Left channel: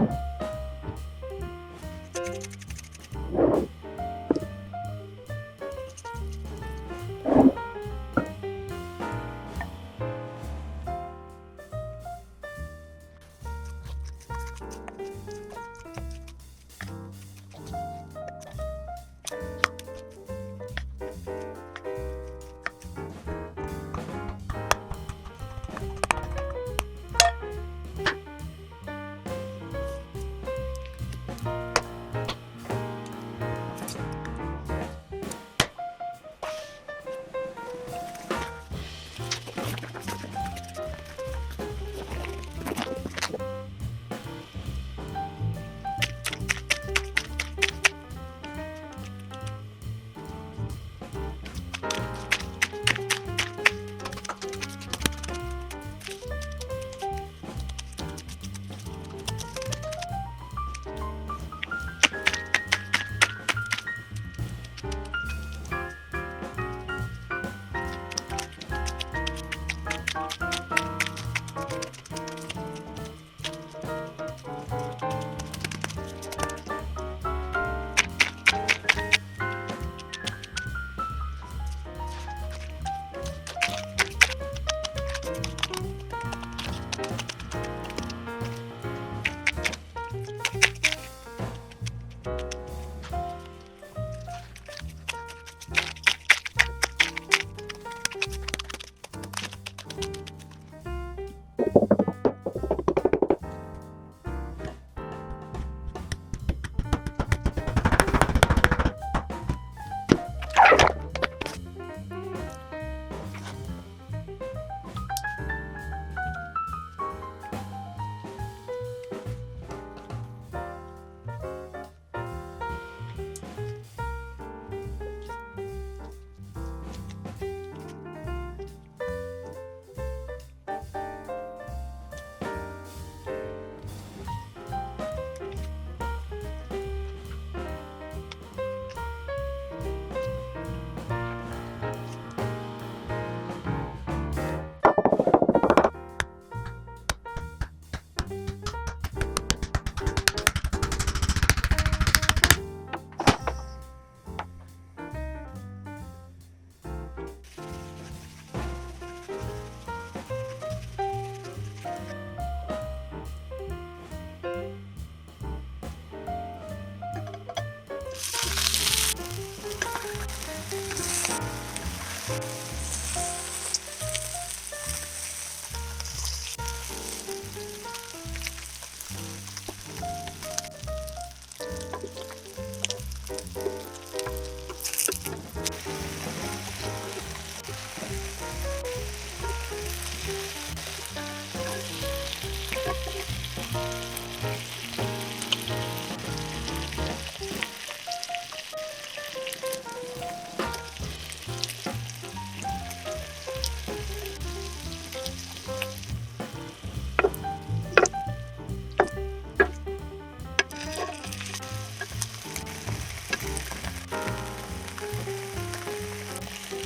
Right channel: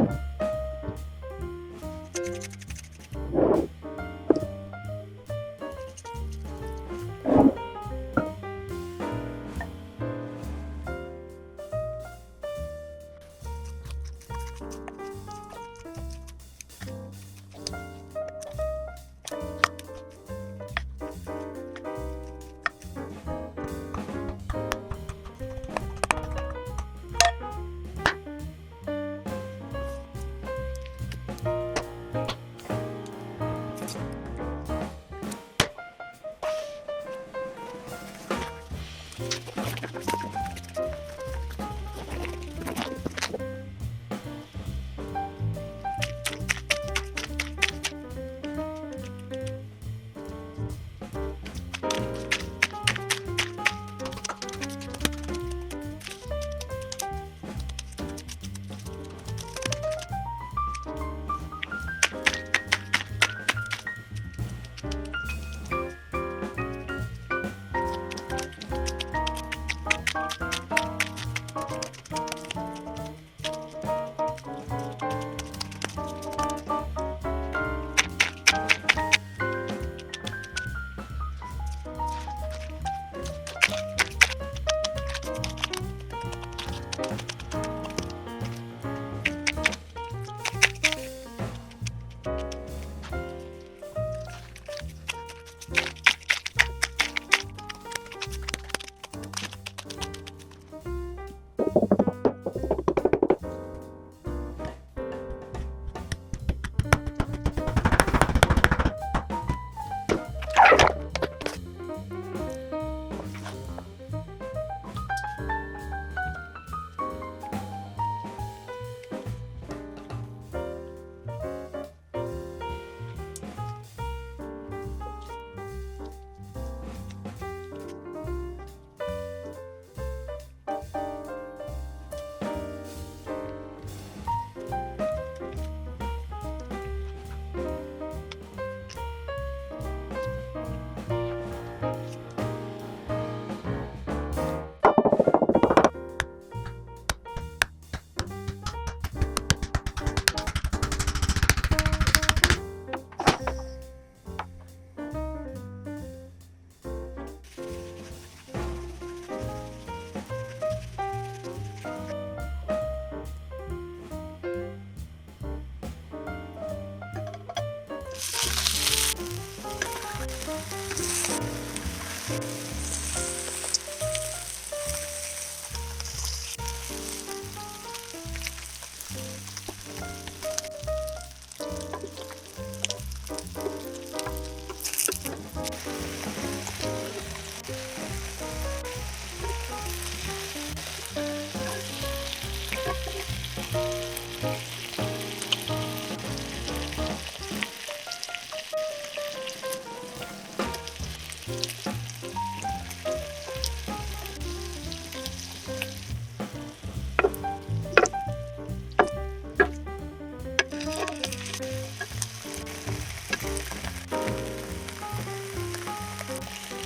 Thank you. Thank sure. you.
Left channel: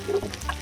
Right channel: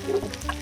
Thank you.